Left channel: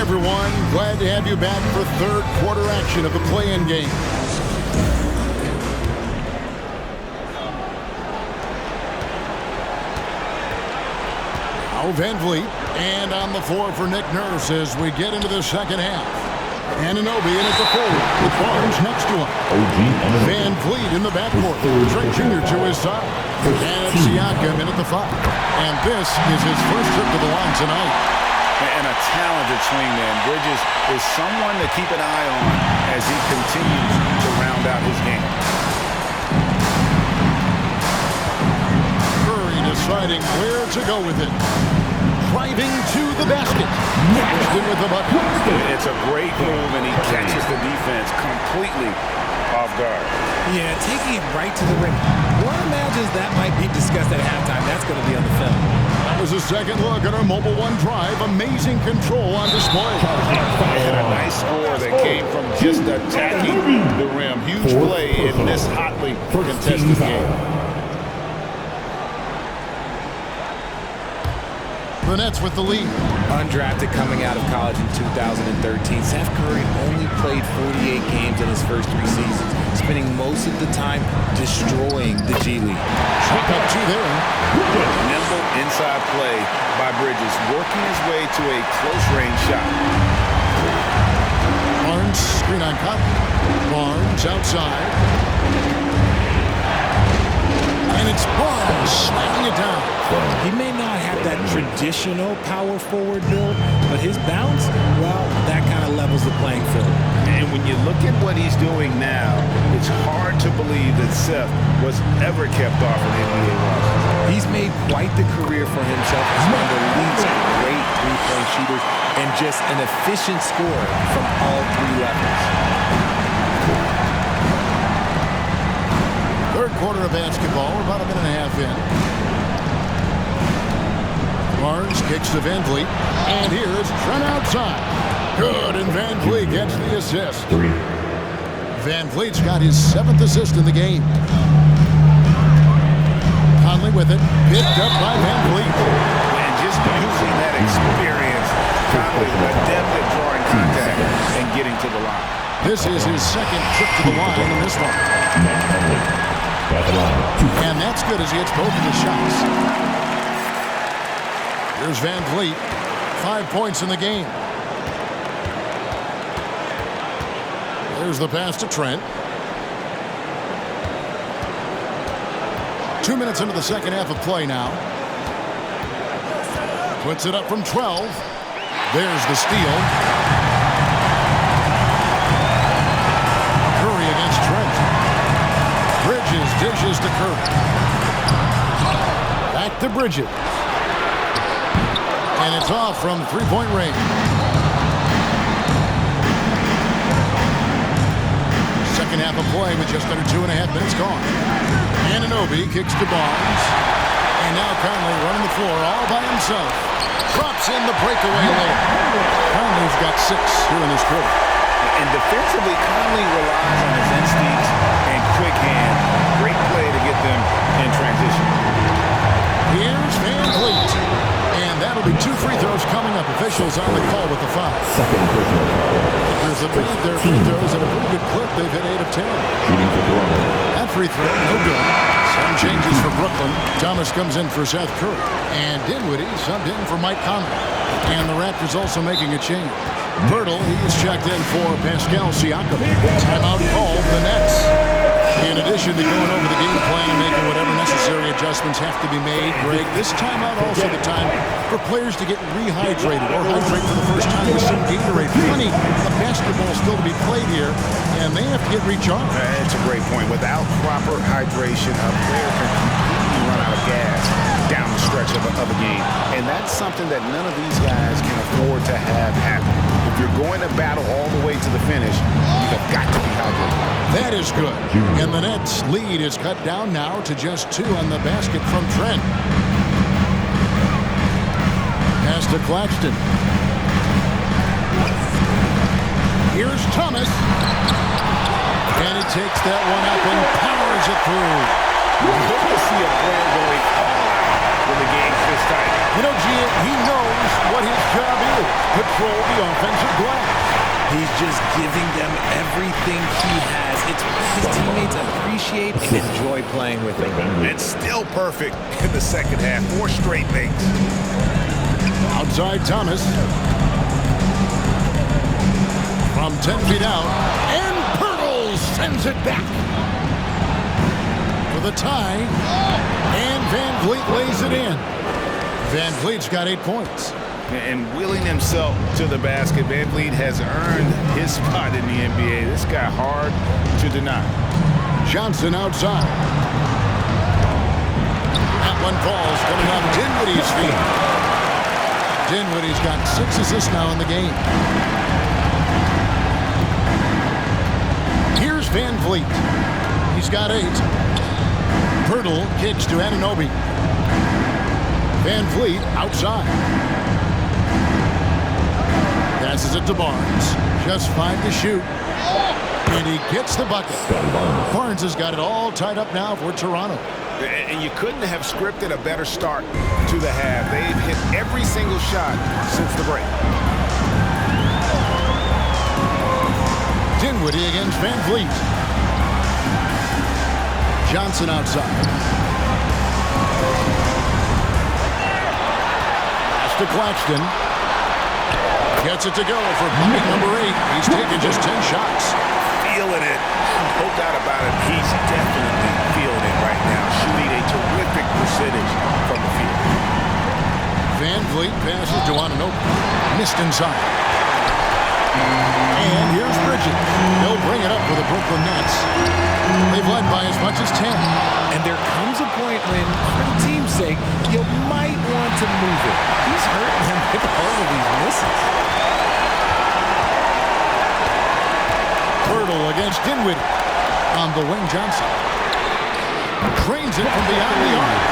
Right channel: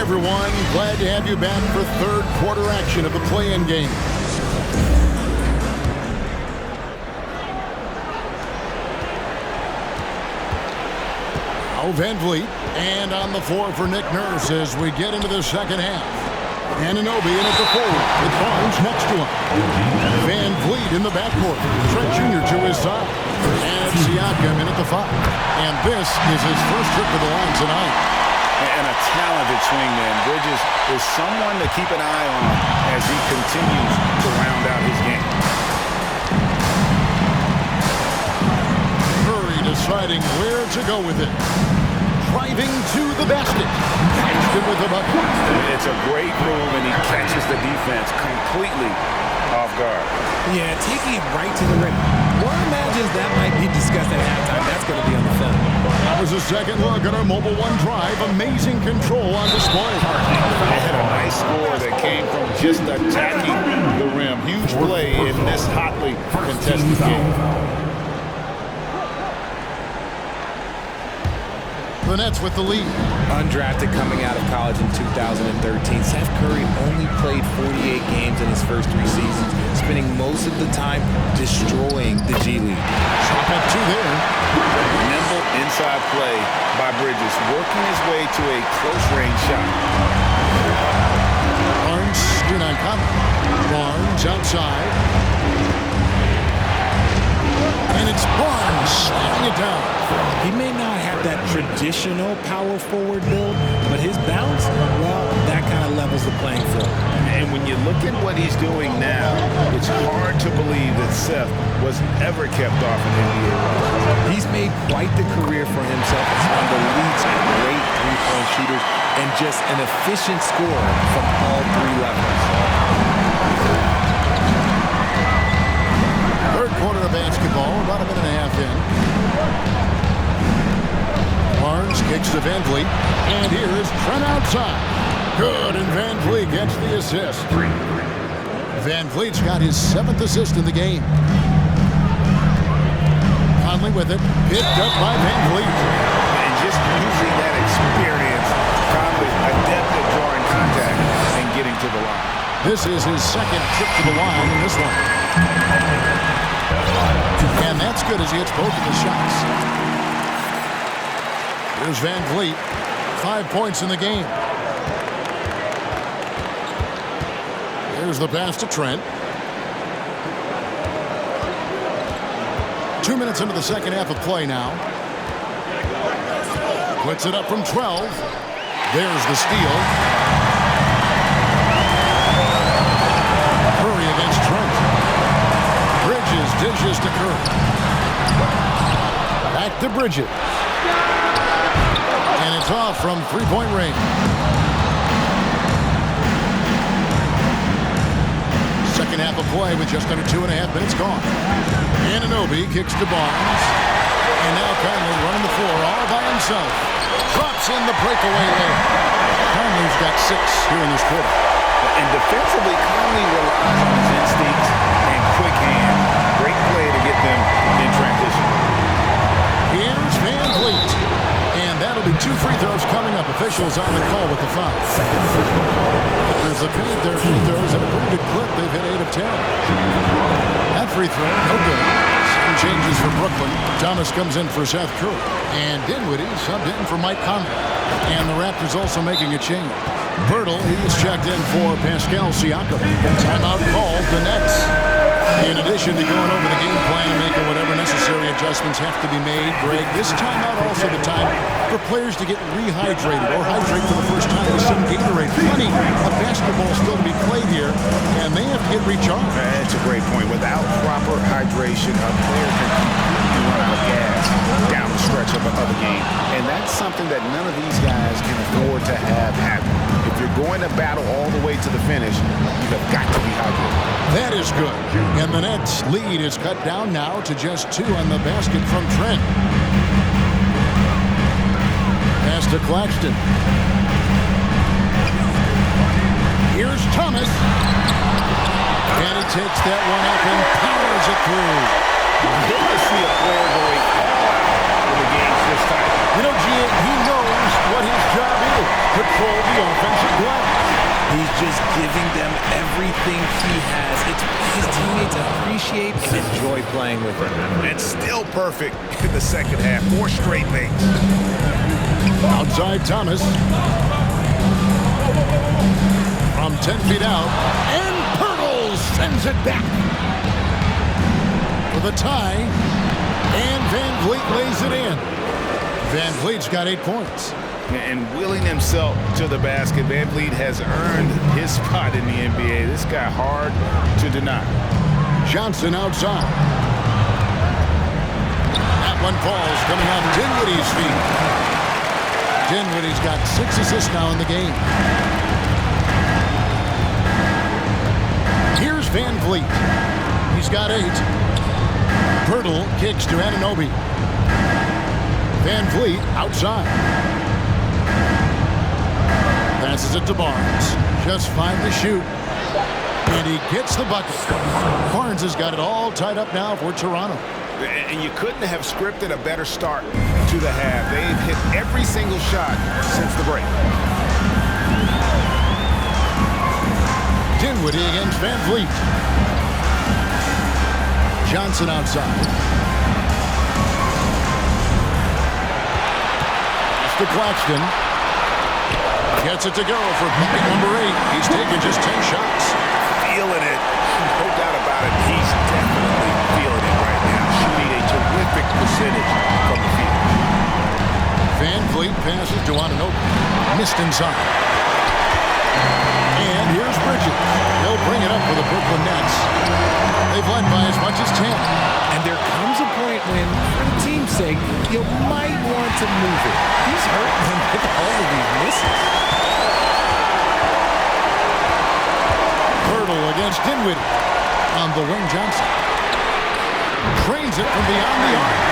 everyone. Glad to have you back for third quarter action of the play-in game. Now Van Vliet, and on the floor for Nick Nurse as we get into the second half. Anunoby in at the forward with Barnes next to him. Van Vliet in the backcourt. Trent Jr. to his side. And Siakam in at the 5. And this is his first trip to the line tonight. And a talented swingman. Bridges is someone to keep an eye on as he continues to round out his game. Curry deciding where to go with it. Driving to the basket. Claxton with the bucket. It's a great move, and he catches the defense completely off guard. Yeah, taking it right to the rim. One imagines that might be discussed at halftime. That's going to be on the film. That was a second look at our Mobile One drive. Amazing control on display. And a nice score that came from just attacking the rim. Huge play in this hotly contested game. The Nets with the lead. Undrafted coming out of college in 2013, Seth Curry only played 48 games in his first 3 seasons, spending most of the time destroying the G League. Chalk up 2 there. Nimble inside play by Bridges, working his way to a close-range shot. Barnes, screen on Conley. Barnes outside. And it's Barnes slamming it down. He may not have that traditional power forward build, but his bounce, well, that kind of levels the playing field. And when you look at what he's doing now, it's hard to believe that Seth was ever kept off an NBA roster. He's made quite the career for himself as one of the league's great three-point shooters and just an efficient scorer from all 3 levels. Third quarter of basketball. We're about a minute and a half in. Barnes kicks to Van Vliet. And here is Trent outside. Good, and Van Vliet gets the assist. Van Vliet's got his 7th assist in the game. Conley with it. Picked up by Van Vliet. And just using that experience, Conley adept at drawing contact and getting to the line. This is his 2nd trip to the line in this one. And that's good as he hits both of his shots. Here's Van Vliet. 5 points in the game. There's the pass to Trent. 2 minutes into the second half of play now. Puts it up from 12. There's the steal. Curry against Trent. Bridges dishes to Curry. Back to Bridges. And it's off from 3-point range. Second half of play with just under 2.5 minutes gone. Anunoby kicks to Barnes. And now Conley running the floor all by himself. Drops in the breakaway layup. Conley's got 6 here in this quarter. And defensively, Conley relies on his instincts and quick hands. Great play to get them in transition. Here's Van Vliet. And that'll be 2 free throws coming up. Officials on the call with the foul. There's made their free throws at a pretty good clip. They've hit 8 of 10. That free throw, no good. Some changes for Brooklyn. Thomas comes in for Seth Curry. And Dinwiddie subbed in for Mike Conley. And the Raptors also making a change. Bertle, he's checked in for Pascal Siakam. Timeout called the Nets. In addition to going over the game plan and making whatever necessary adjustments have to be made, Greg, this timeout also the time for players to get rehydrated or hydrate for the first time with some Gatorade. Plenty of basketball still to be played here, and they have to get recharged. That's a great point. Without proper hydration, a player can completely run out of gas down the stretch of a game. And that's something that none of these guys can afford to have happen. If you're going to battle all the way to the finish, you have got to be hydrated. That is good. And the Nets' lead is cut down now to just 2 on the basket from Trent. Pass to Claxton. Here's Thomas. And he takes that one up and powers it through. Good to see a player going all out when the game's this tight. You know, Gia, he knows what his job is. Control the offensive glass. He's just giving them everything he has. It's what his teammates appreciate and enjoy playing with him. And still perfect in the second half. 4 straight makes. Outside Thomas. From 10 feet out. And Pirtle sends it back. For the tie. And Van Vliet lays it in. Van Vliet's got 8 points. And wheeling himself to the basket, Van Vliet has earned his spot in the NBA. This guy hard to deny. Johnson outside. That one falls coming off Dinwiddie's feet. Dinwiddie's got 6 assists now in the game. Here's Van Vliet. He's got 8. Pirtle kicks to Anunoby. Van Vliet outside. Passes it to Barnes. Just 5 to shoot. And he gets the bucket. Barnes has got it all tied up now for Toronto. And you couldn't have scripted a better start to the half. They've hit every single shot since the break. Dinwiddie against Van Vliet. Johnson outside. Pass to Claxton. Gets it to go for bucket number 8. He's taken just 10 shots. Feeling it. No doubt about it. He's definitely feeling it right now. Shooting a terrific percentage from the field. Van Vliet passes to Anunoby. Missed inside. And here's Bridges. He'll bring it up for the Brooklyn Nets. They've led by as much as 10. And there comes a point when, for the team's sake, you might want to move it. He's hurting them with all of these misses. Pirtle against Dinwiddie. On the wing, Johnson. Trains it from beyond the arc.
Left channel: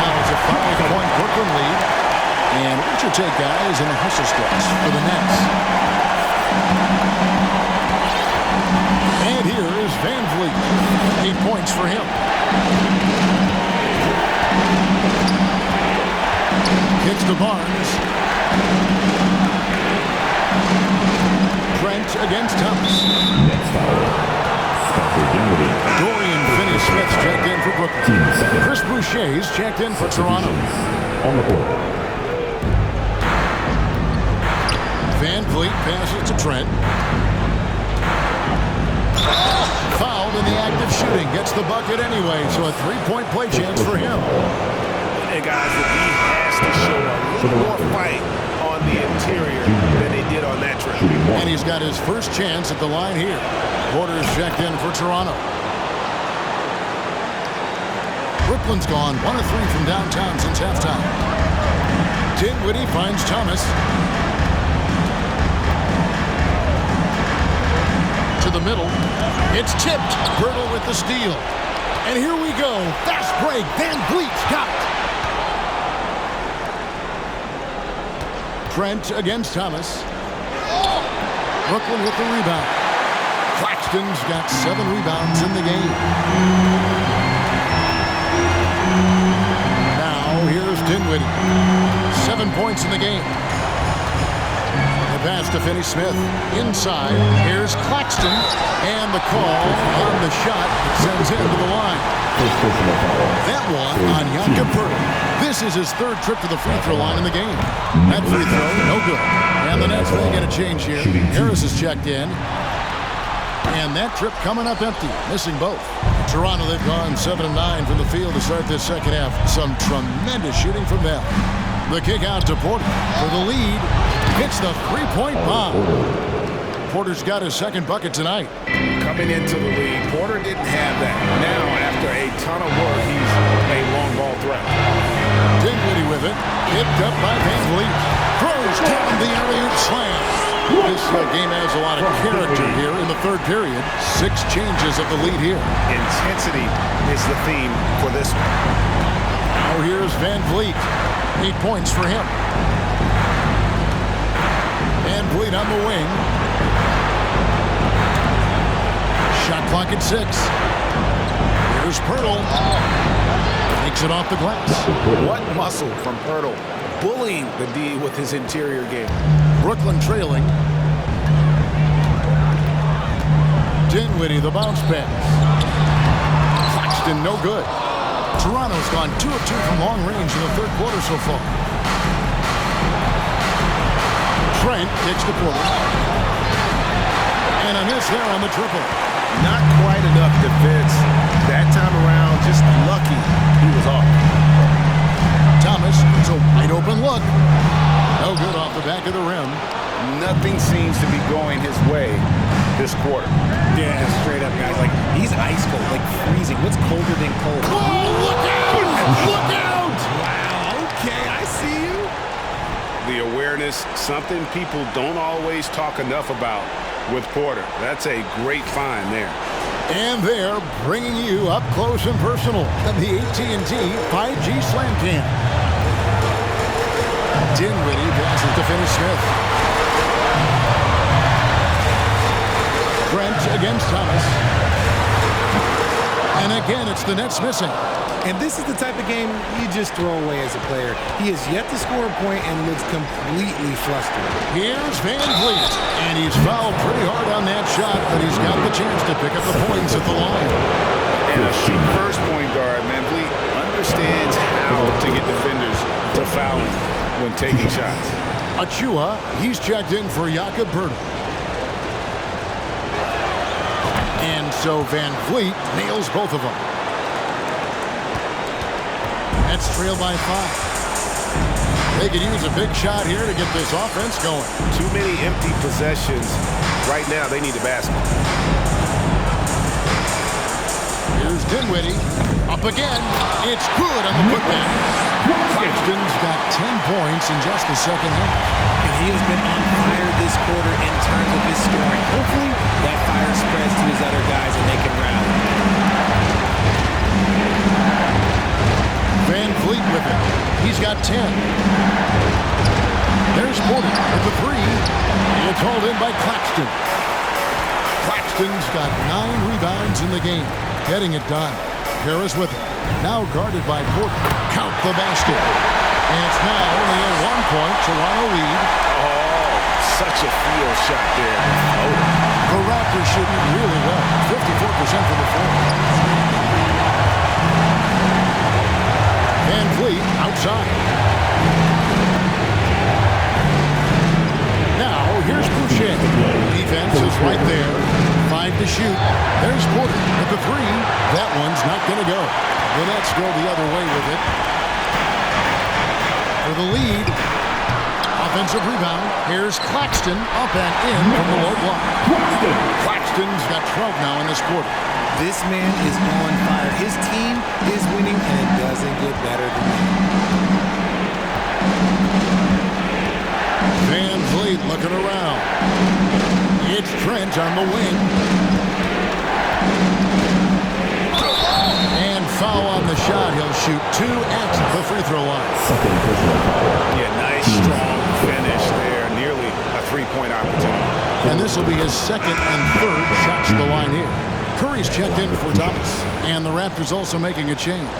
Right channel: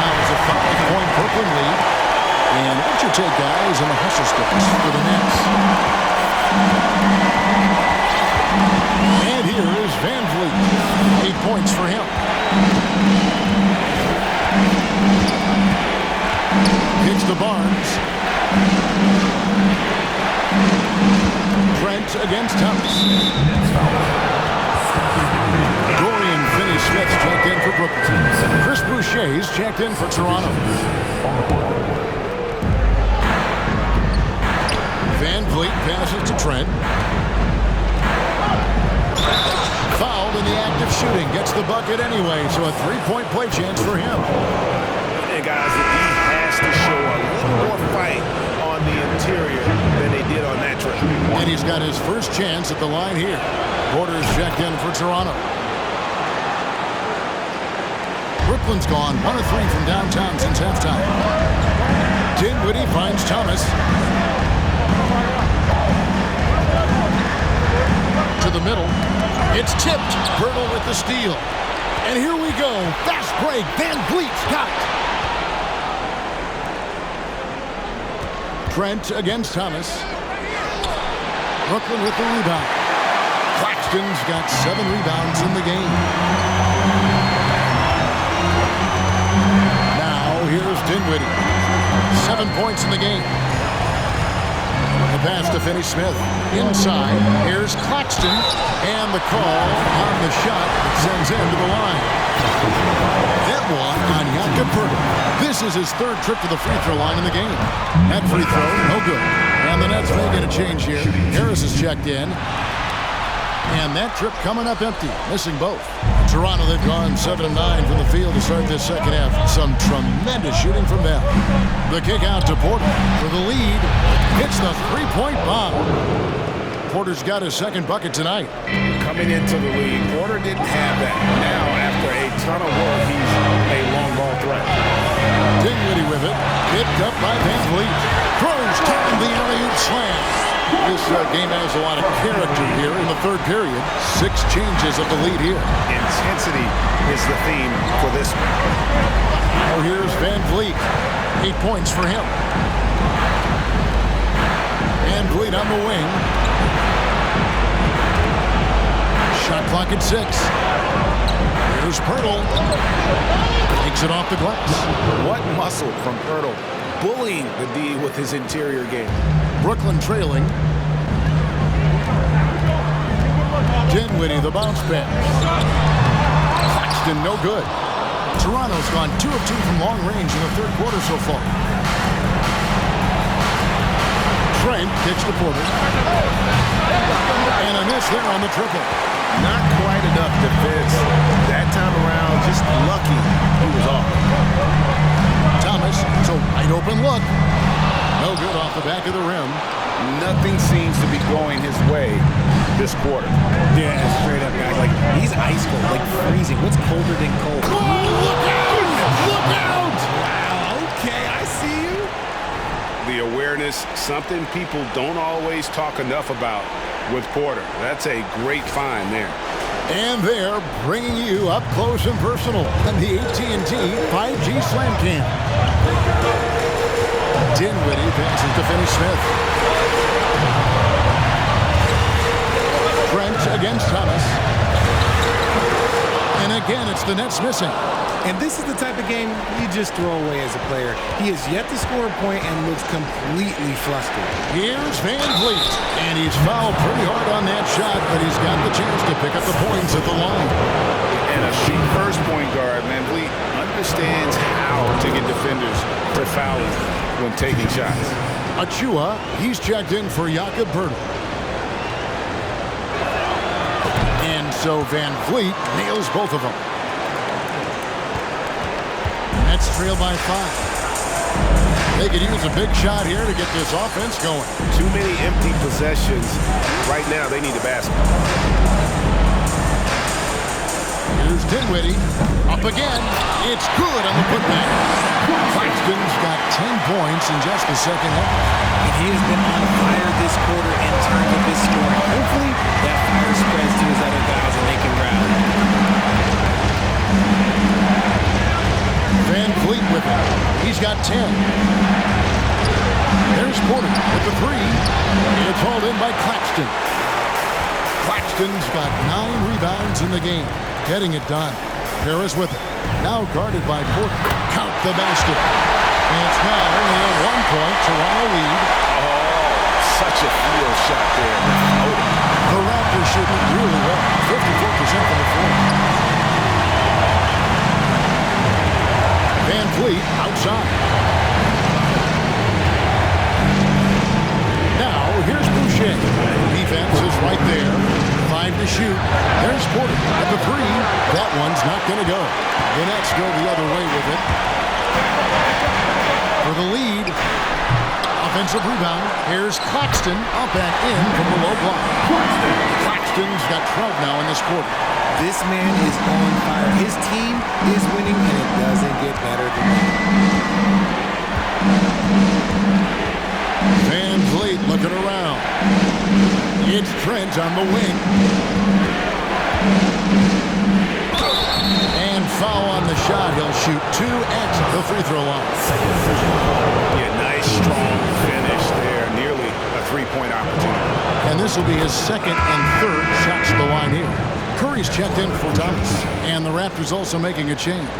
Now it's a 5-point Brooklyn lead. And what's your take, guys, in the hustle stretch for the Nets? And here is Van Vliet. 8 points for him. Kicks to Barnes. Trent against Thomas. Dorian Finney-Smith's checked in for Brooklyn. Chris Boucher's checked in for Toronto. Van Vliet passes to Trent. Fouled in the act of shooting. Gets the bucket anyway, so a 3-point play chance for him. And guys, that he has to show a little more fight on the interior than they did on that trip. And he's got his first chance at the line here. Porter's checked in for Toronto. Brooklyn's gone 1 of 3 from downtown since halftime. Dinwiddie finds Thomas. To the middle. It's tipped. Pirtle with the steal. And here we go. Fast break. Van Vliet's got it. Trent against Thomas. Brooklyn with the rebound. Claxton's got 7 rebounds in the game. Now here's Dinwiddie. 7 points in the game. The pass to Finney-Smith. Inside. Here's Claxton. And the call on the shot that sends him to the line. That one on Jakob Pirtle. This is his 3rd trip to the free throw line in the game. That free throw, no good. And the Nets making a change here. Harris is checked in. And that trip coming up empty, missing both. Toronto, they've gone 7 of 9 from the field to start this second half. Some tremendous shooting from them. The kick out to Porter for the lead. Hits the 3-point bomb. Porter's got his 2nd bucket tonight. Coming into the league, Porter didn't have that. Now, after a ton of work, he's a long ball threat. Dinwiddie with it. Picked up by Van Vliet. Throws down the alley-oop slam. This game has a lot of character here in the 3rd period. 6 changes of the lead here. Intensity is the theme for this one. Now here's Van Vliet. 8 points for him. Van Vliet on the wing. Shot clock at 6. Here's Pirtle. Takes it off the glass. What muscle from Pirtle, bullying the D with his interior game. Brooklyn trailing. Dinwiddie, the bounce pass. Claxton, no good. Toronto's gone 2 of 2 from long range in the third quarter so far. Trent kicks to Porter. And a miss there on the triple. Not quite enough defense. That time around, just lucky he was off. Thomas, it's a wide open look. No good off the back of the rim. Nothing seems to be going his way this quarter. Yeah, straight up, guys. Like, he's ice cold, like freezing. What's colder than cold? Oh, look out! Look out! Wow, okay, I see you. The awareness, something people don't always talk enough about with Porter. That's a great find there. And they're bringing you up close and personal on the AT&T 5G Slam Cam. Dinwiddie passes to Finney-Smith. Trent against Thomas. And again, it's the Nets missing. And this is the type of game you just throw away as a player. He has yet to score a point and looks completely flustered. Here's Van Vliet. And he's fouled pretty hard on that shot, but he's got the chance to pick up the points at the line. And a first point guard, Van Vliet understands how to get defenders to foul him when taking shots. Achua, he's checked in for Jakob Poeltl. And so Van Vliet nails both of them. Nets trail by 5. They could use a big shot here to get this offense going. Too many empty possessions. Right now, they need a basket. Here's Dinwiddie. Up again. It's good on the putback. Claxton's got 10 points in just the second half. And he has been on fire this quarter in terms of his scoring. Hopefully, that fire spreads to his other guys and they can rally. Van Vliet with it. He's got 10. There's Porter with the 3. It's hauled in by Claxton. Claxton's got 9 rebounds in the game. Getting it done. Harris with it. Now guarded by Porter. Count the basket. And it's now only a 1-point Toronto lead. Oh, such a field shot there. The floater. The Raptors shooting really well. 54% from the floor. Van Vliet outside. Now, here's Boucher. Defense is right there. 5 to shoot. There's Porter at the 3. That one's not going to go. The Nets go the other way with it. For the lead. Offensive rebound. Here's Claxton up and in from the low block. Claxton's got 12 now in this quarter. This man is on fire. His team is winning, and it doesn't get better than that. Van Vliet looking around. It's Trent on the wing. And foul on the shot. He'll shoot 2 at the free throw line. Yeah, nice, strong finish there. Nearly a 3-point opportunity. And this will be his second and third shots to the line here. Curry's checked in for Thomas. And the Raptors also making a change.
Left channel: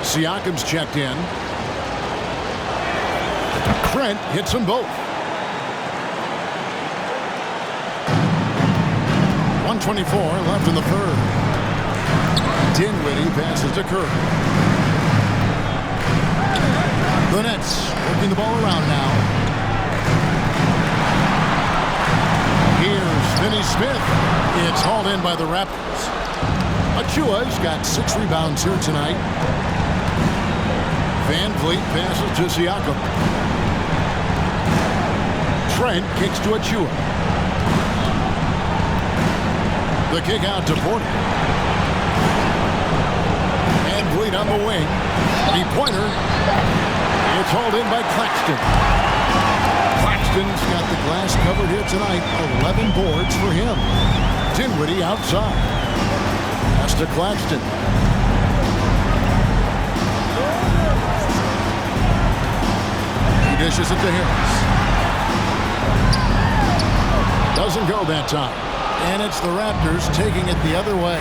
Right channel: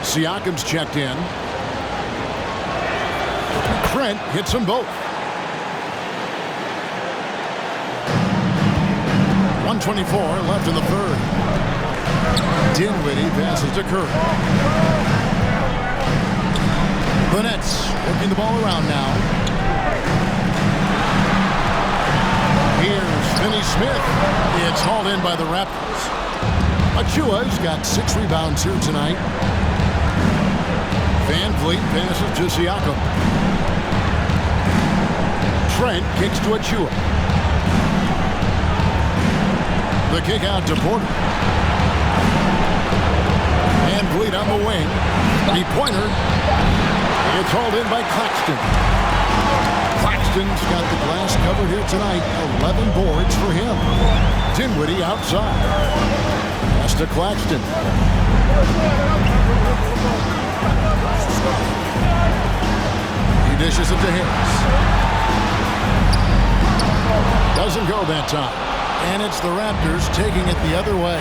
Siakam's checked in. Trent hits them both. 1:24 left in the third. Dinwiddie passes to Curry. The Nets working the ball around now. Here's Finney-Smith. It's hauled in by the Raptors. Achua's got 6 rebounds here tonight. Van Vliet passes to Siakam. Trent kicks to Achua. The kick out to Porter. Van Vliet on the wing. 3-pointer. It's hauled in by Claxton. Claxton's got the glass covered here tonight. 11 boards for him. Dinwiddie outside. Pass to Claxton. He dishes it to Harris. Doesn't go that time. And it's the Raptors taking it the other way.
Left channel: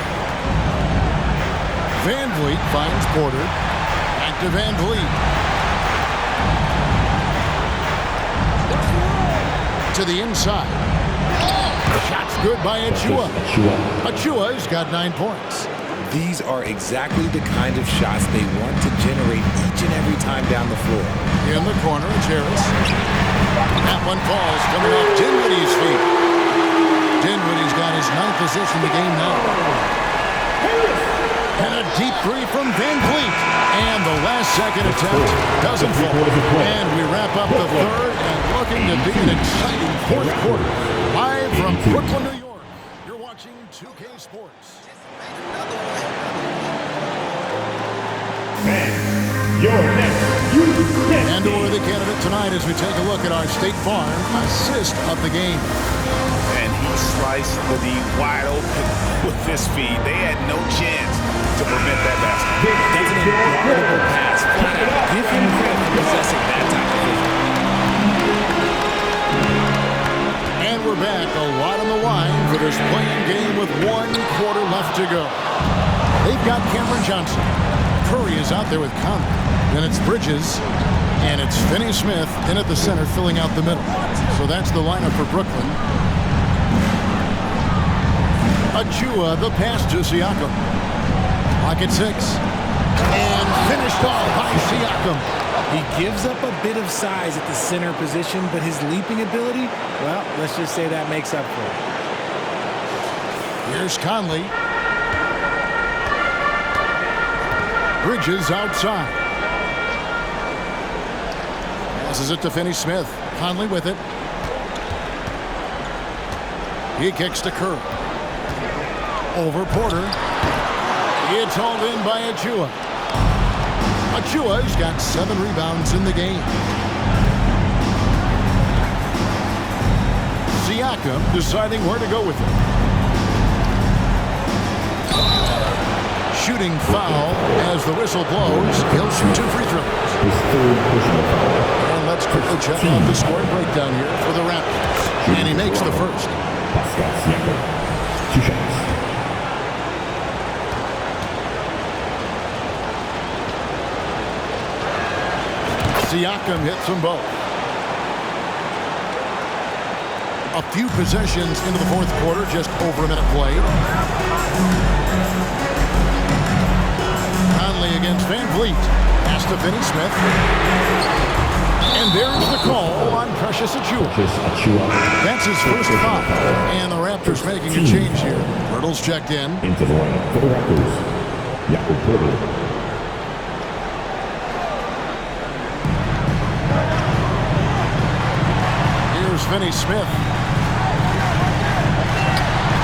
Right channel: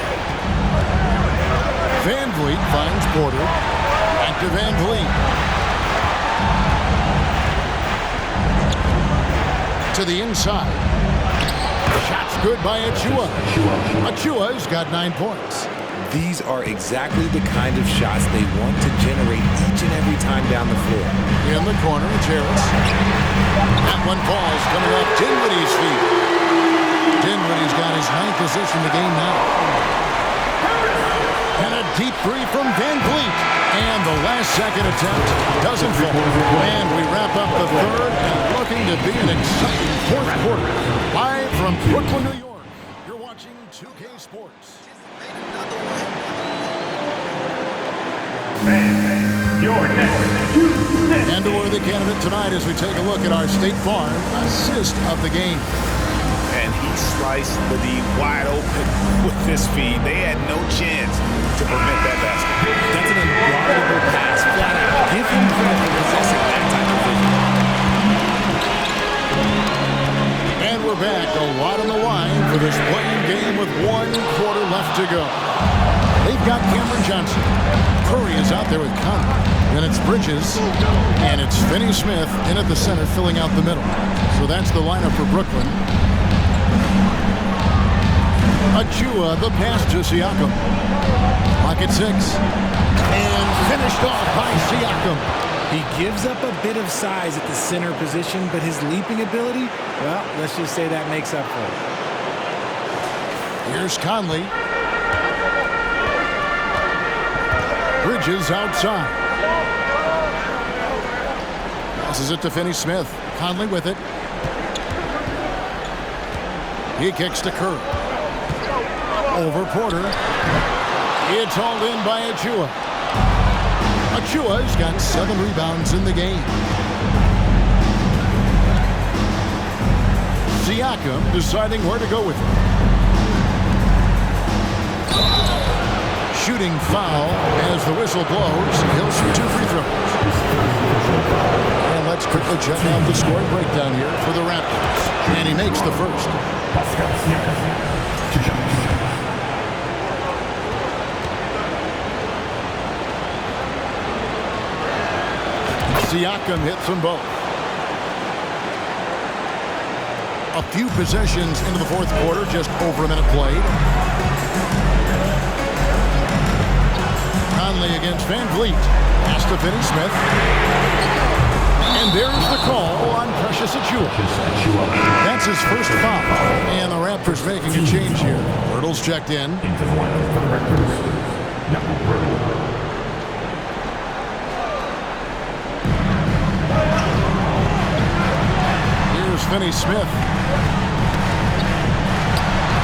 Van Vliet finds Porter. Back to Van Vliet. To the inside. Shot's good by Achua. Achua's got 9 points. These are exactly the kind of shots they want to generate each and every time down the floor. In the corner, it's Harris. That one falls, coming off Dinwiddie's feet. Dinwiddie's got his 9th assist in the game now. And a deep three from Van Vliet. And the last second attempt doesn't fall. And we wrap up the third and looking to be an exciting fourth quarter. Live from Brooklyn, New York. You're watching 2K Sports. And a worthy candidate tonight as we take a look at our State Farm assist of the game. And he sliced the D wide open with his feed. They had no chance to prevent that basket. That's an unguardable pass, flat out. Give him credit for possessing that type of vision. And we're back, a lot on the line for this playing game with 1 quarter left to go. They've got Cameron Johnson. Curry is out there with Conley. Then it's Bridges, and it's Finney-Smith in at the center, filling out the middle. So that's the lineup for Brooklyn. Achua, the pass to Siakam. Clock at 6. And finished off by Siakam. He gives up a bit of size at the center position, but his leaping ability, well, let's just say that makes up for it. Here's Conley. Bridges outside. Passes it to Finney-Smith. Conley with it. He kicks to Curry. Over Porter. It's hauled in by Achua. Achua's got 7 rebounds in the game. Siakam deciding where to go with it. Shooting foul as the whistle blows. He'll shoot 2 free throws. And let's quickly check out the scoring breakdown here for the Raptors. And he makes the first. Siakam hits them both. A few possessions into the fourth quarter, just over a minute played. Conley against Van Vliet. Pass to Finney-Smith. And there's the call on Precious Achua. That's his first foul. And the Raptors making a change here. Pirtle's checked in. Into the lineup for the Raptors, Jakob Pirtle. Here's Finney-Smith.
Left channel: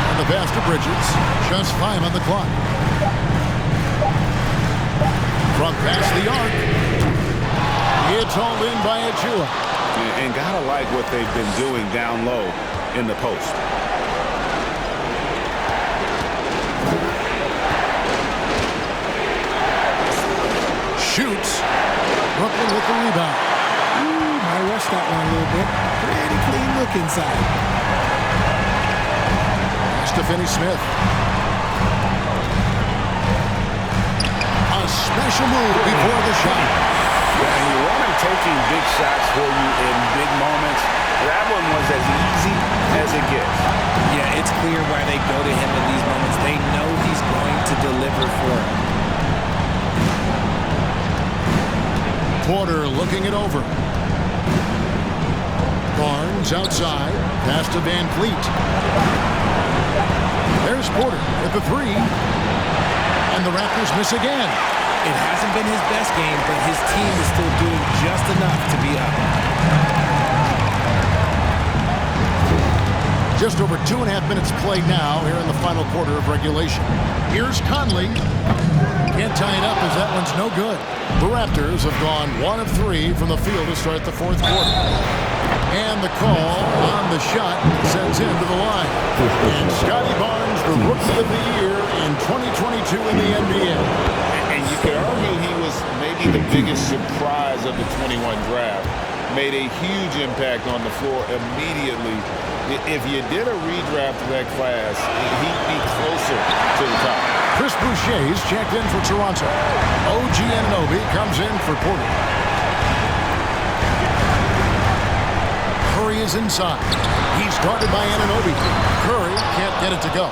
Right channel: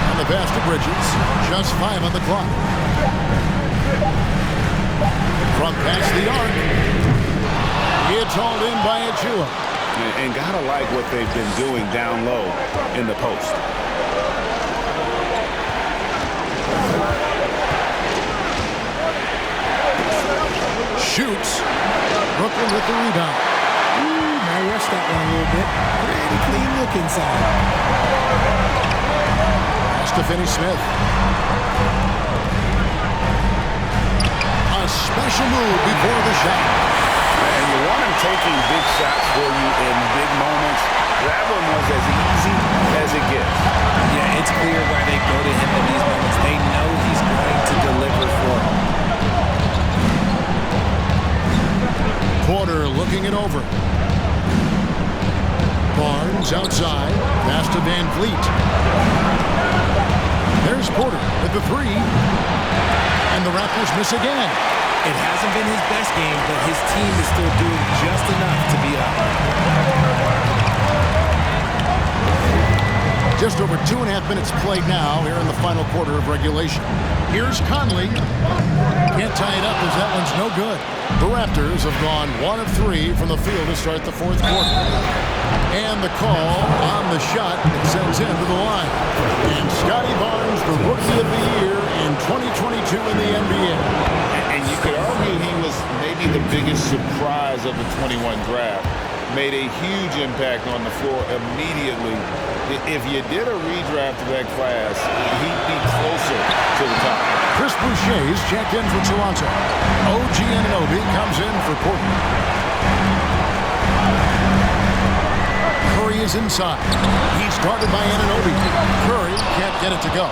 And the pass to Bridges. Just 5 on the clock. From past the arc. It's hauled in by Achua. And gotta like what they've been doing down low in the post. Shoots. Brooklyn with the rebound. I rushed that one a little bit. Pretty clean look inside. Pass to Finney-Smith. A special move before the shot. And you want him taking big shots for you in big moments. That one was as easy as it gets. Yeah, it's clear why they go to him in these moments. They know he's going to deliver for them. Porter looking it over. Barnes outside. Pass to Van Vliet. There's Porter with the 3. And the Raptors miss again. It hasn't been his best game, but his team is still doing just enough to be up. Just over 2.5 minutes played now here in the final quarter of regulation. Here's Conley. Can't tie it up as that one's no good. The Raptors have gone 1 of 3 from the field to start the fourth quarter. And the call on the shot sends him to the line. And Scotty Barnes, the Rookie of the Year in 2022 in the NBA. And you could argue he was maybe the biggest surprise of the 21 draft. made a huge impact on the floor immediately. If you did a redraft of that class, he'd be closer to the top. Chris Boucher's checked in for Toronto. OG Anunoby comes in for Portland. Curry is inside. He's guarded by Anunoby. Curry can't get it to go.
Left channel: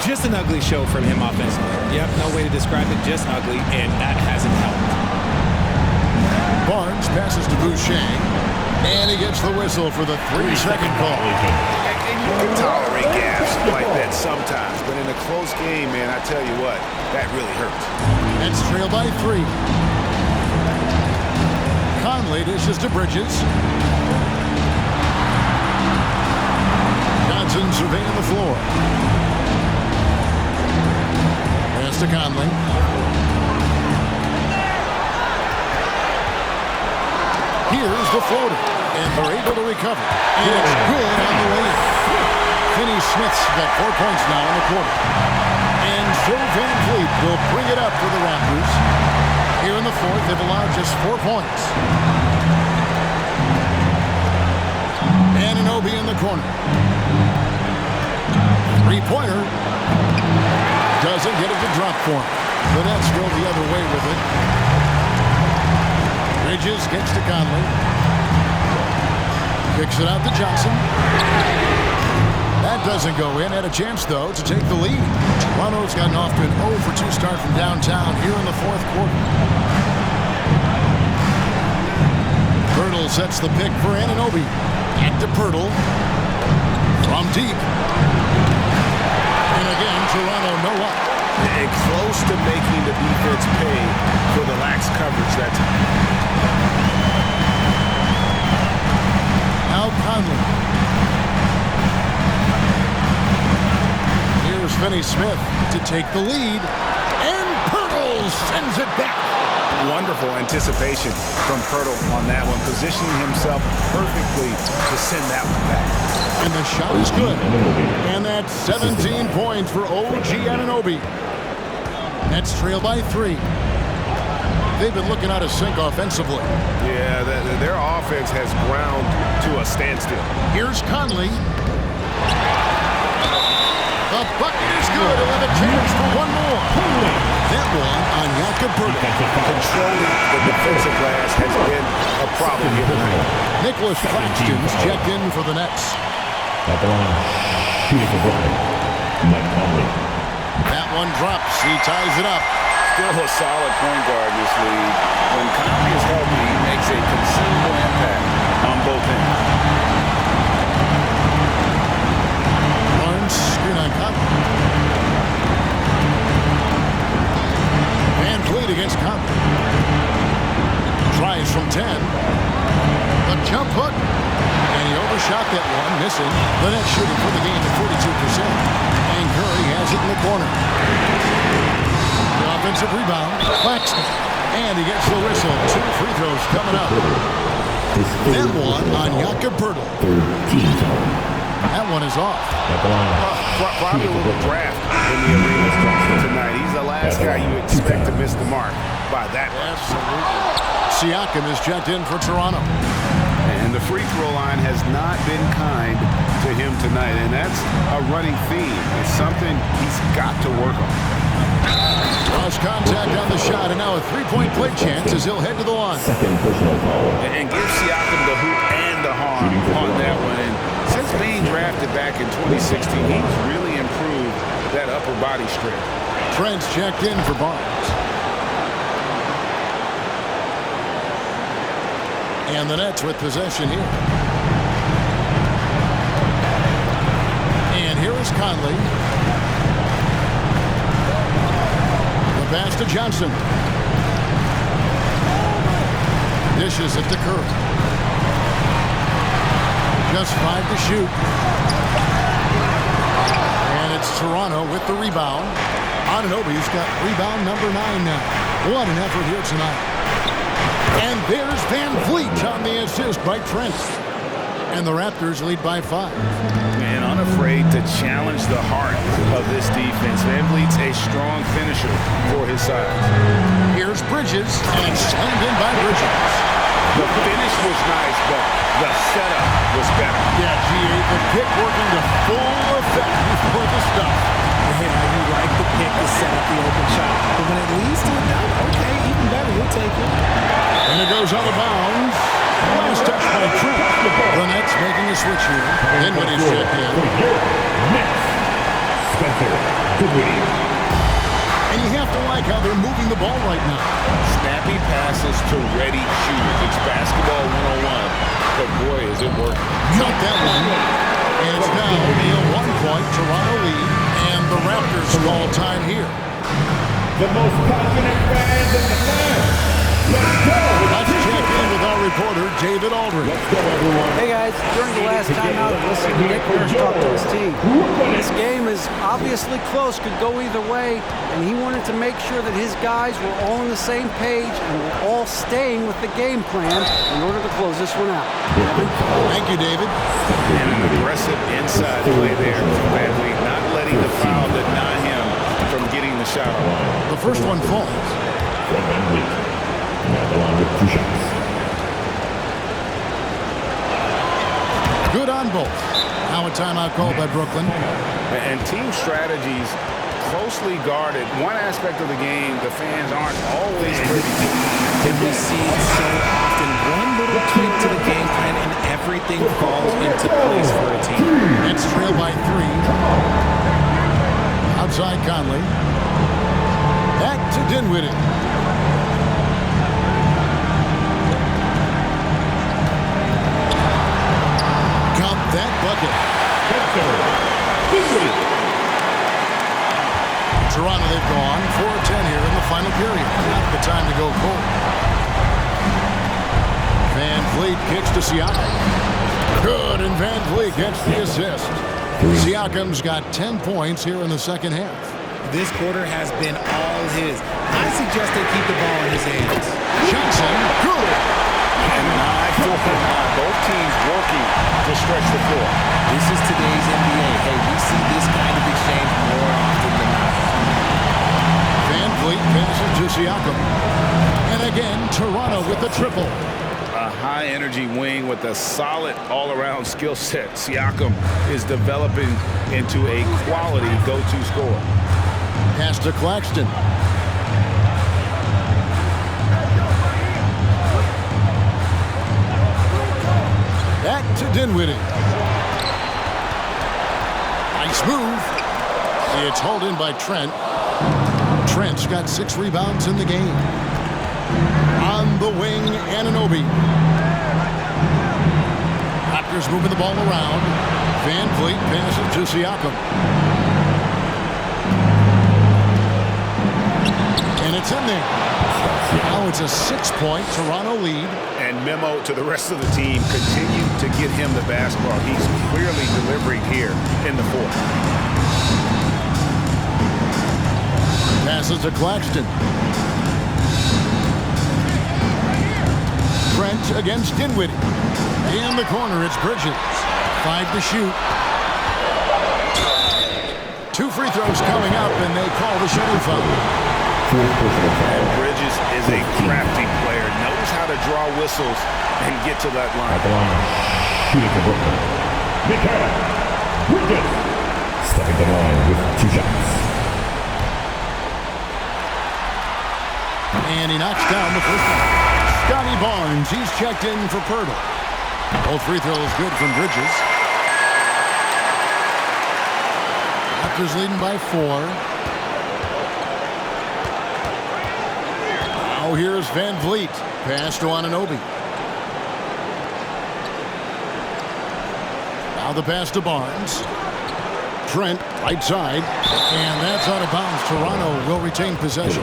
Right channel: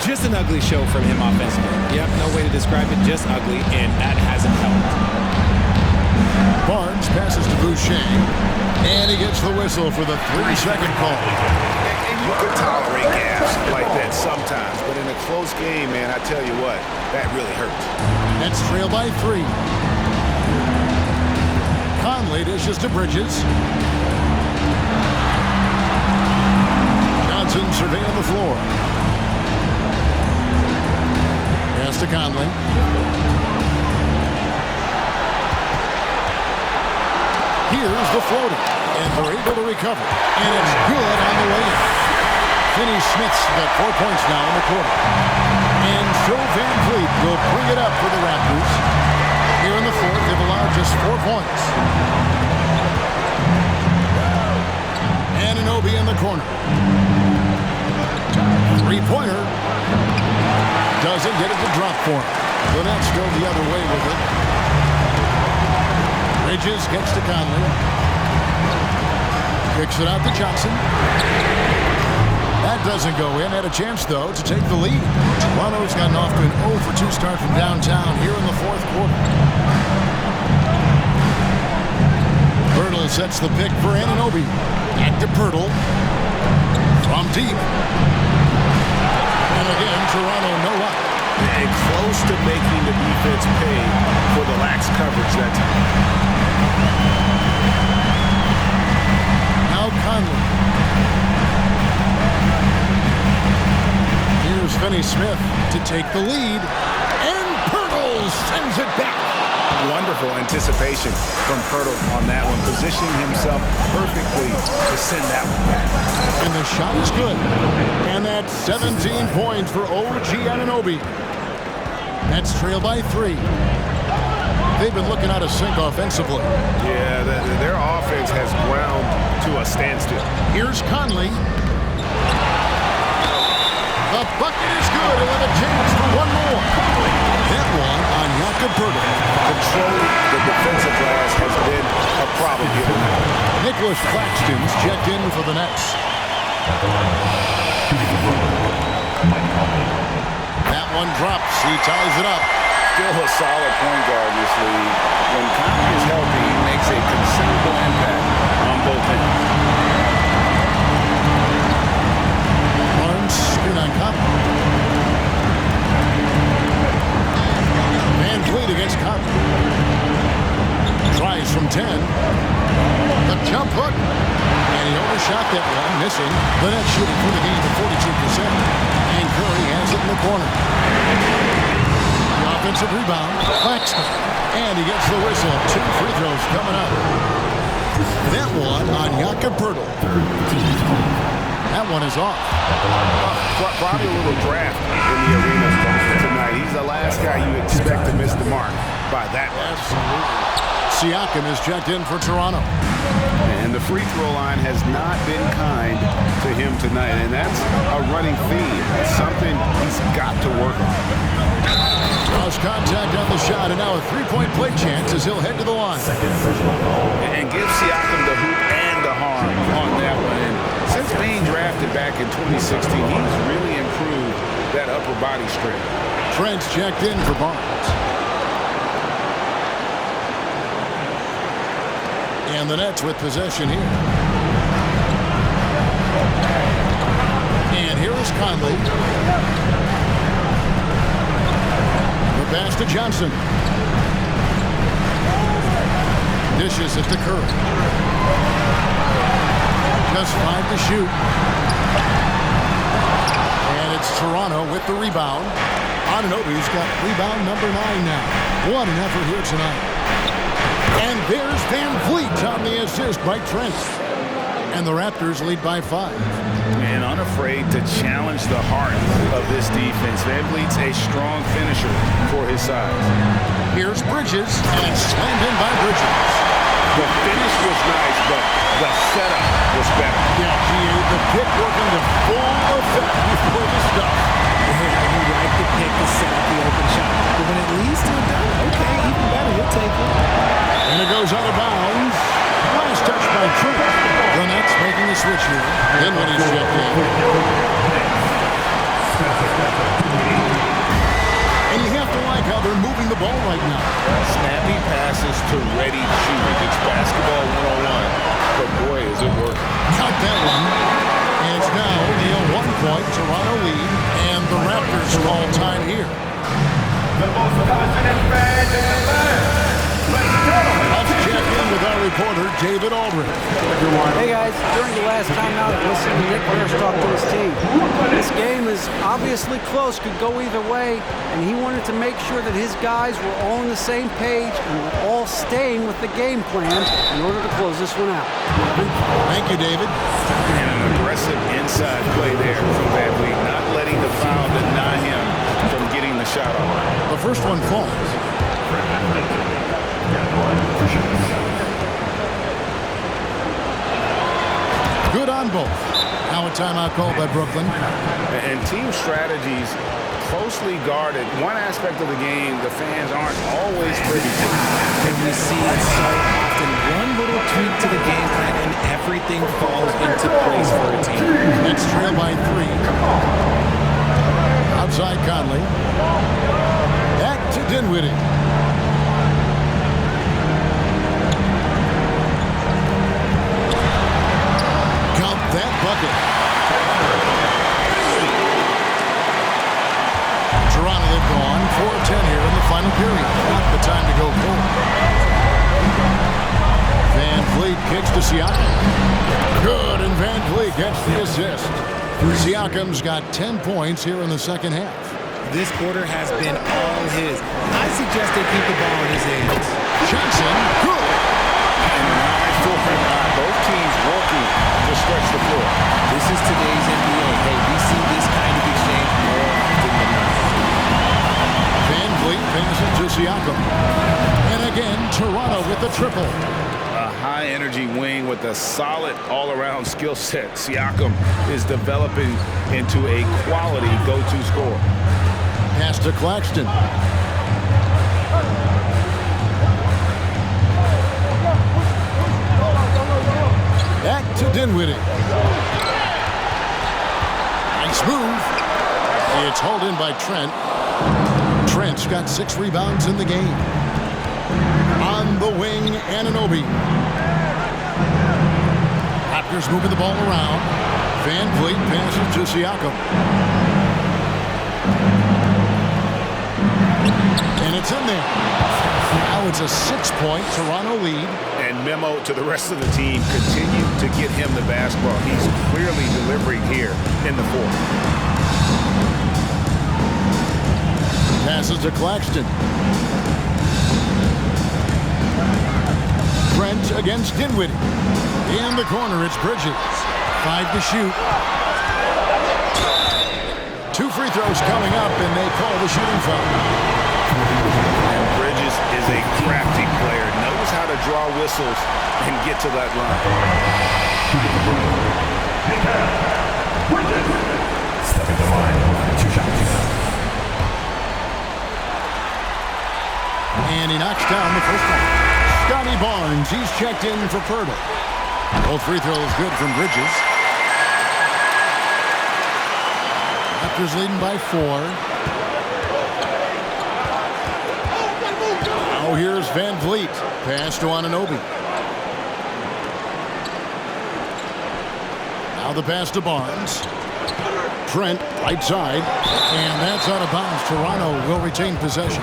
Just an ugly show from him offensively. Yep, no way to describe it, just ugly, and that hasn't helped. Barnes passes to Boucher, and he gets the whistle for the 3-second call. And you can tolerate gaps like that sometimes, but in a close game, man, I tell you what, that really hurts. Nets trail by 3. Conley dishes to Bridges. Johnson surveying the floor. Pass to Conley. Here's the floater, and they're able to recover. And it's good on the way in. Finney-Smith's got 4 points now in the quarter. And so Van Vliet will bring it up for the Raptors. Here in the fourth, they've allowed just 4 points. Anunoby in the corner. Three-pointer. Doesn't get it to drop for him. The Nets go the other way with it. Bridges gets to Conley. Kicks it out to Johnson. That doesn't go in. Had a chance, though, to take the lead. Toronto's gotten off to an 0-for-2 start from downtown here in the fourth quarter. Pirtle sets the pick for Anunoby. Back to Pirtle. From deep. And again, Toronto no luck. And close to making the defense pay for the lax coverage that time. Now Conley. Here's Finney-Smith to take the lead. And Pirtle sends it back. Wonderful anticipation from Pirtle on that one, positioning himself perfectly to send that one back. And the shot is good. And that's 17 points for OG Anunoby. Nets trail by 3. They've been looking out of sync offensively. Yeah, their offense has ground to a standstill. Here's Conley. The bucket is good. He'll have a chance for one more. That one on Jakob Pirtle. Controlling the defensive glass has been a problem here tonight. Nicholas Claxton's checked in for the Nets. At the line, shooting for Brooklyn, Mike Conley. That one drops. He ties it up. Still a solid point guard in this league. When Conley is healthy, he makes a considerable impact on both ends. Barnes screen on Conley. Van Vliet against Conley. Tries from 10. The jump hook. And he overshot that one, missing. The Nets shooting for the game at 42%. And Curry has it in the corner. The offensive rebound. Claxton. And he gets the whistle. 2 free throws coming up. That one on Jakob Pirtle. Third team foul. That one is off. At the line, Probably a little draft in the arena tonight. He's the last guy you expect to miss the mark by that much. Absolutely. Siakam is checked in for Toronto. And the free throw line has not been kind to him tonight. And that's a running theme. It's something he's got to work on. Cross contact on the shot, and now a three-point play chance as he'll head to the line. second personal foul. And give Siakam the hoop and the harm on that one. And since being drafted back in 2016, he's really improved that upper body strength. Trent's checked in for Barnes. And the Nets with possession here. And here is Conley. The pass to Johnson. Dishes it to Curry. Just 5 to shoot. And it's Toronto with the rebound. Anunoby's got rebound number 9 now. What an effort here tonight. And there's Van Vliet on the assist by Trent. And the Raptors lead by 5. And unafraid to challenge the heart of this defense. Van Vliet's a strong finisher for his size. Here's Bridges, and slammed in by Bridges. The finish was nice, but the setup was better. Yeah, GA, the pick working to full effect before the stuff. Yeah, you like the pick to set up the open shot. But when it leads to a dunk, okay, even better, you'll take it. And it goes out of bounds. Last touch by Trent. The Nets making a switch here. Dinwiddie's checked in. And you have to like how they're moving the ball right now. Snappy passes to ready shooters. It's basketball 101, but boy, is it working. Count that one. And it's now only a 1-point Toronto lead, and the Raptors call time here. The most passionate fans in the land. Let's go! Let's check in with our reporter, David Aldridge. Let's go, everyone. Hey guys, during the last timeout, I listened to Nick Nurse talk to his team. This game is obviously close, could go either way, and he wanted to make sure that his guys were all on the same page and were all staying with the game plan in order to close this one out. Kevin? Thank you, David. And an aggressive inside play there from Van Vliet, not letting the foul deny him from getting the shot off. The first one falls. Van Vliet. Now the line with 2 shots. Good on both. Now a timeout called by Brooklyn. And team strategies closely guarded. One aspect of the game the fans aren't always privy to. And we see it so often. One little tweak to the game plan and everything falls into place for a team. Nets trail by 3. Outside Conley. Back to Dinwiddie. Count that bucket. Toronto, they've gone 4 of 10 here in the final period. Not the time to go cold. Van Vliet kicks to Siakam. Good, and Van Vliet gets the assist. Siakam's got 10 points here in the second half. This quarter has been all his. I suggest they keep the ball in his hands. Johnson, good. And an eye for an eye. Both teams working to stretch the floor. This is today's NBA. Hey, we see this kind of exchange more often than not. Van Vliet passes to Siakam. And again, Toronto with the triple. A high-energy wing with a solid all-around skill set. Siakam is developing into a quality go-to scorer. Pass to Claxton. Back to Dinwiddie. Nice move. It's hauled in by Trent. Trent's got 6 rebounds in the game. On the wing, Anunoby. Raptors moving the ball around. Van Vliet passes to Siakam. And it's in there. Now it's a 6-point Toronto lead. And memo to the rest of the team, continue to get him the basketball. He's clearly delivering here in the fourth. Passes to Claxton. Trent against Dinwiddie. In the corner, it's Bridges. 5 to shoot. 2 free throws coming up, and they call the shooting foul. And Bridges is a crafty player, knows how to draw whistles and get to that line. Shooting for Brooklyn. Mikal Bridges. Stepping the line with 2 shots. And he knocks down the first one. Scotty Barnes, he's checked in for Pirtle. Both free throws good from Bridges. Raptors leading by 4. Now here's Van Vliet. Pass to Anunoby. Now the pass to Barnes. Trent, right side. And that's out of bounds. Toronto will retain possession.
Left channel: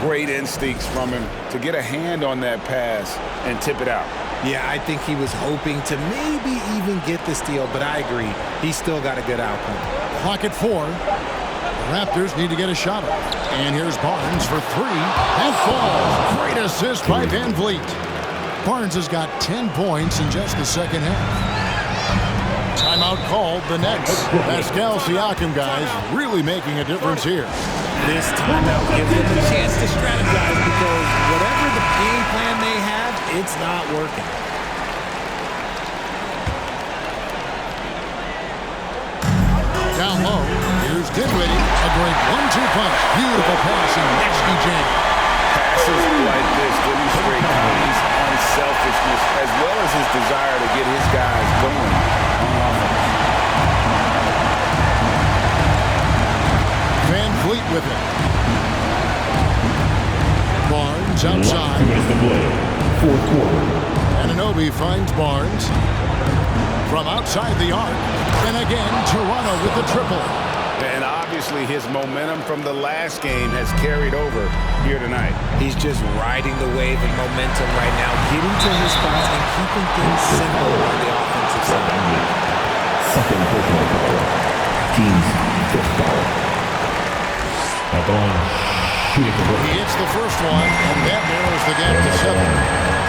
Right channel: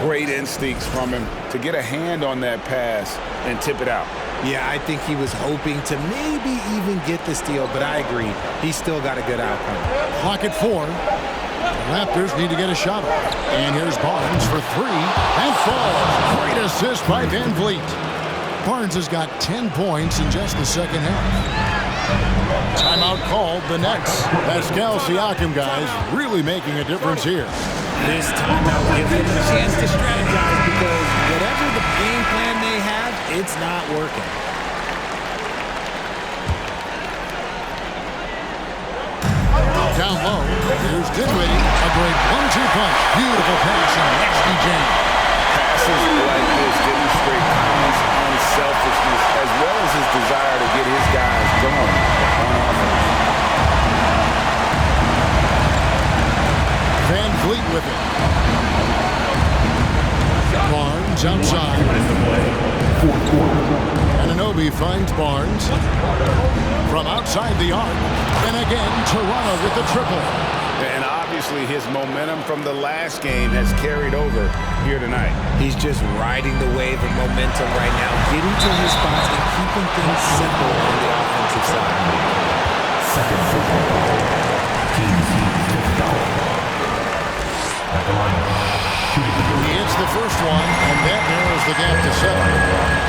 Great instincts from him to get a hand on that pass and tip it out. Yeah, I think he was hoping to maybe even get the steal, but I agree. He's still got a good outcome. Clock at 4. The Raptors need to get a shot off. And here's Barnes for 3. And falls. Great assist by Van Vliet. Barnes has got 10 points in just the second half. Timeout called the Nets. Pascal Siakam, guys, really making a difference here. This timeout gives them a chance to strategize because whatever the game plan they have, it's not working. Down low, here's Dinwiddie. A great 1-2 punch. Beautiful passing. Nasty jam. Passes like this demonstrate Conley's unselfishness as well as his desire to get his guys going on offense. Van Vliet with it. Barnes outside. 2 minutes to play. Fourth quarter. Anunoby finds Barnes. From outside the arc. And again, Toronto with the triple. And obviously his momentum from the last game has carried over here tonight. He's just riding the wave of momentum right now, getting to his spots and keeping things simple on the offensive side. Second personal foul. Team's fifth foul. At the line, shooting for He hits the first one, and that narrows the gap to 7.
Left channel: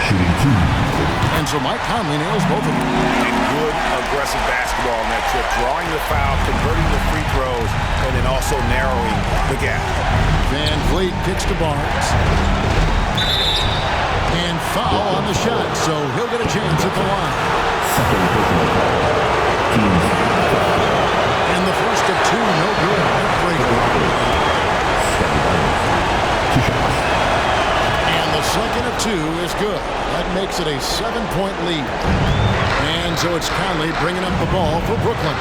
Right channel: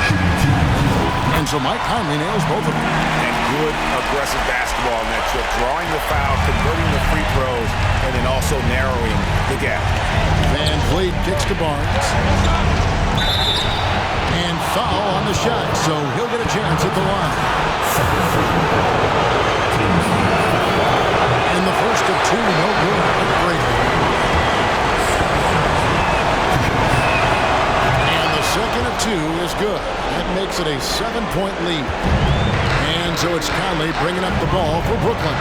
shooting 2. And so Mike Conley nails both of them. And good aggressive basketball on that trip. Drawing the foul, converting the free throws, and then also narrowing the gap. Van Vliet kicks to Barnes. And foul on the shot, so he'll get a chance at the line. Second personal foul. Team's And the first of 2, no good. Heartbreaking. 2 shots. And the second of 2 is good. That makes it a 7-point lead. And so it's Conley bringing up the ball for Brooklyn.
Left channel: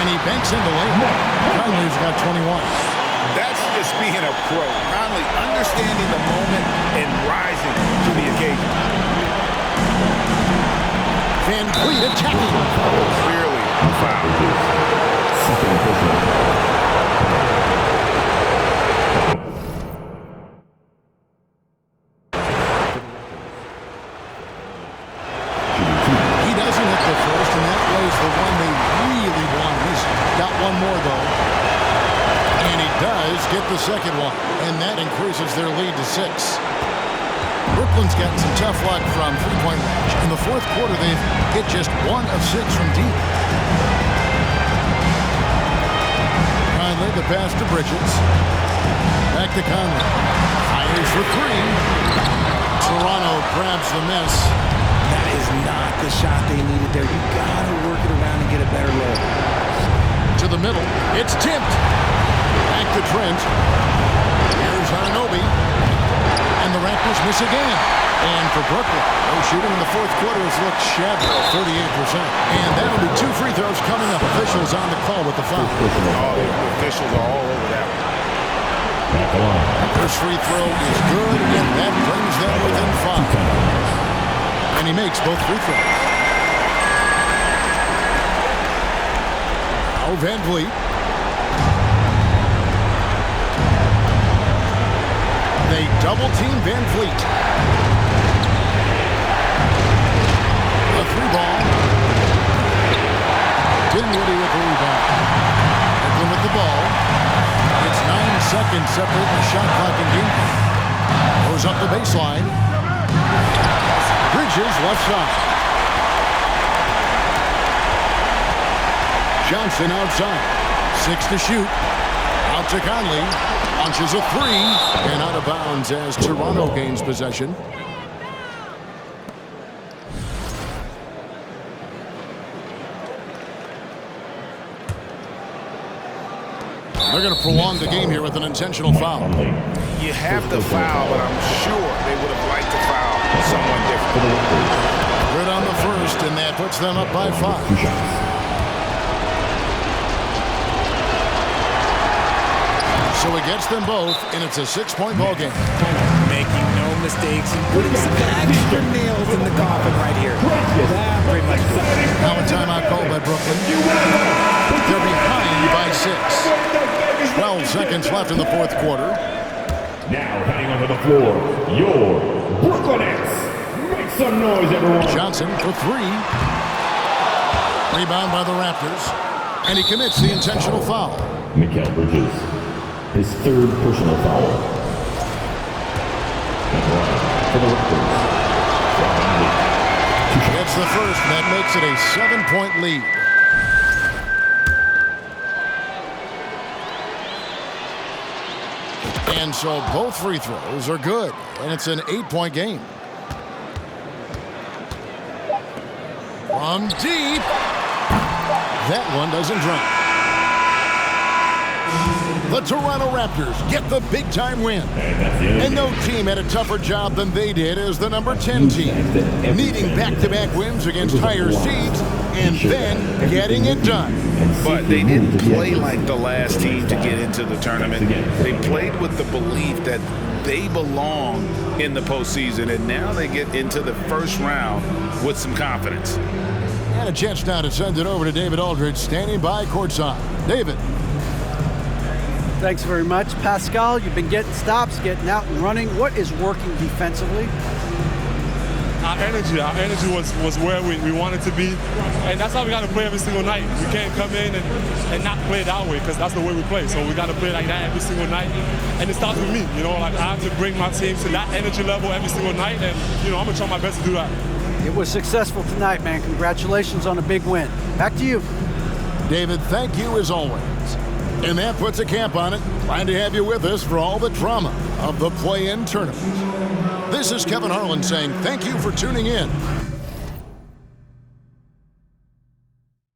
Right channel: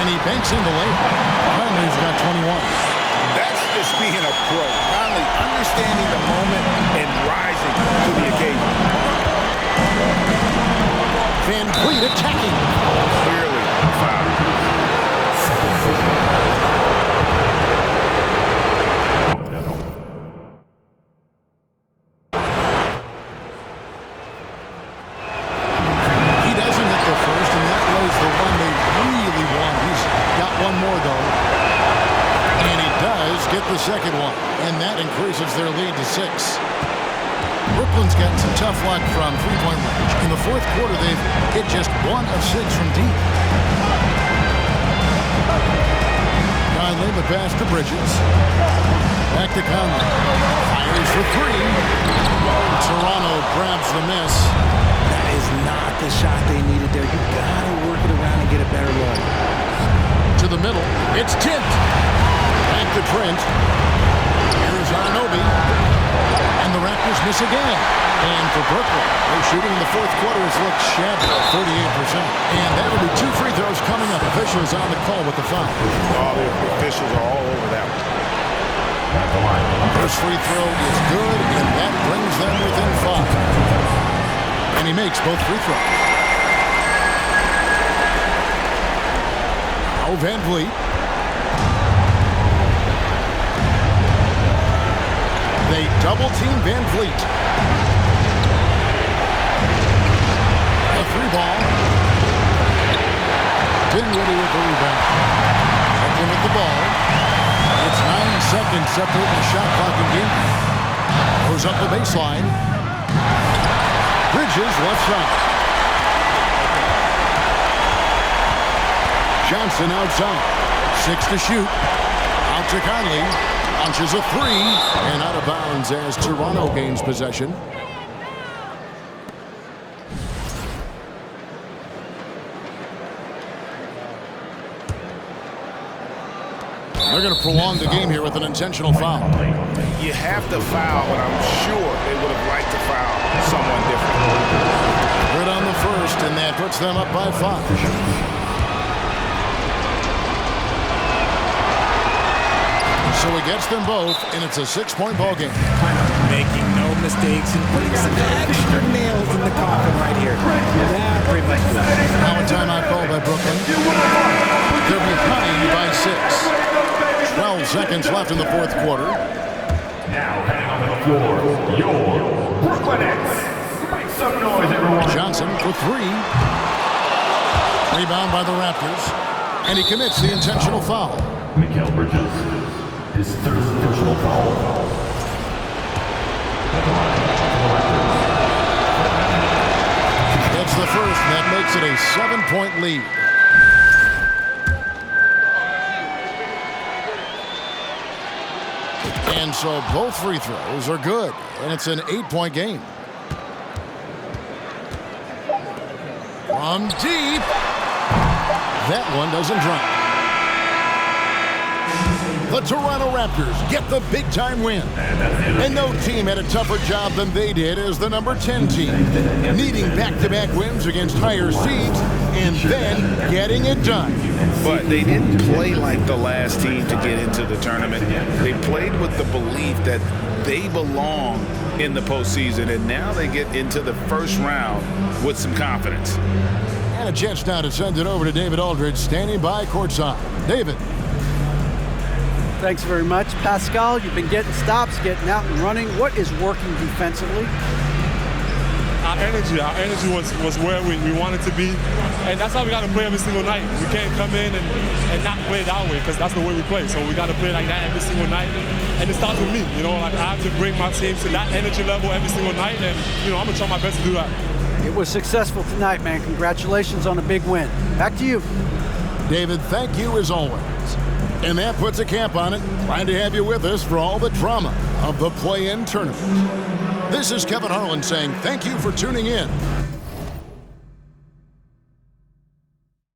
And he banks in the lane. Conley's got 21. That's just being a pro. Conley understanding the moment and rising to the occasion. Van Vliet attacking. Clearly a foul. Second personal foul. He doesn't hit the first, and that was the one they really want. He's got one more, though. And he does get the second one, and that increases their lead to 6. Brooklyn's gotten some tough luck from three-point range. In the fourth quarter, they've hit just 1 of 6 from deep. Conley, the pass to Bridges. Back to Conley. Fires for 3. Toronto grabs the miss. That is not the shot they needed there. You gotta work it around and get a better look. To the middle. It's tipped. Back to Trent. Here's Anunoby. And the Raptors miss again. And for Brooklyn, their shooting in the fourth quarter has looked shabby, 38%. And that'll be 2 free throws coming up. Officials on the call with the foul. Oh, the officials are all over that one. At the line. First free throw is good, and that brings them within 5. And he makes both free throws. Now Van Vliet. They double-team Van Vliet. A 3-ball. Dinwiddie with the rebound. Brooklyn with the ball. It's 9 seconds separating the shot clock and game. Goes up the baseline. Bridges left side. Johnson outside. 6 to shoot. Out to Conley. Launches a 3. And out of bounds as Toronto gains possession. They're going to prolong the game here with an intentional foul. You have to foul, but I'm sure they would have liked to foul someone different. Good on the first, and that puts them up by 5. So he gets them both, and it's a 6-point ball game. Making no mistakes and putting some extra nails in the coffin right here. That pretty much does it. Now a timeout called by Brooklyn. They're behind by 6. 12 seconds left in the fourth quarter. Now heading onto the floor, your Brooklyn Nets. Make some noise, everyone. Johnson for 3. Rebound by the Raptors. And he commits the intentional foul. Mikal Bridges, his 3rd personal foul. At the line for the Raptors. Gets the first, and that makes it a 7-point lead. And so both free throws are good, and it's an 8-point game. From deep. That one doesn't drop. The Toronto Raptors get the big-time win. And no team had a tougher job than they did as the number 10 team, needing back-to-back wins against higher seeds and then getting it done. But they didn't play like the last team to get into the tournament. They played with the belief that they belong in the postseason, and now they get into the first round with some confidence. And a chance now to send it over to David Aldridge, standing by courtside. David. Thanks very much. Pascal, you've been getting stops, getting out and running. What is working defensively? Our energy was where we wanted to be, and that's how we got to play every single night. We can't come in and not play that way, because that's the way we play. So we got to play like that every single night, and it starts with me. Like I have to bring my team to that energy level every single night, and I'm gonna try my best to do that. It was successful tonight, man. Congratulations on a big win. Back to you. David, thank you as always. And that puts a cap on it. Glad to have you with us for all the drama of the play-in tournament. This is Kevin Harlan saying thank you for tuning in.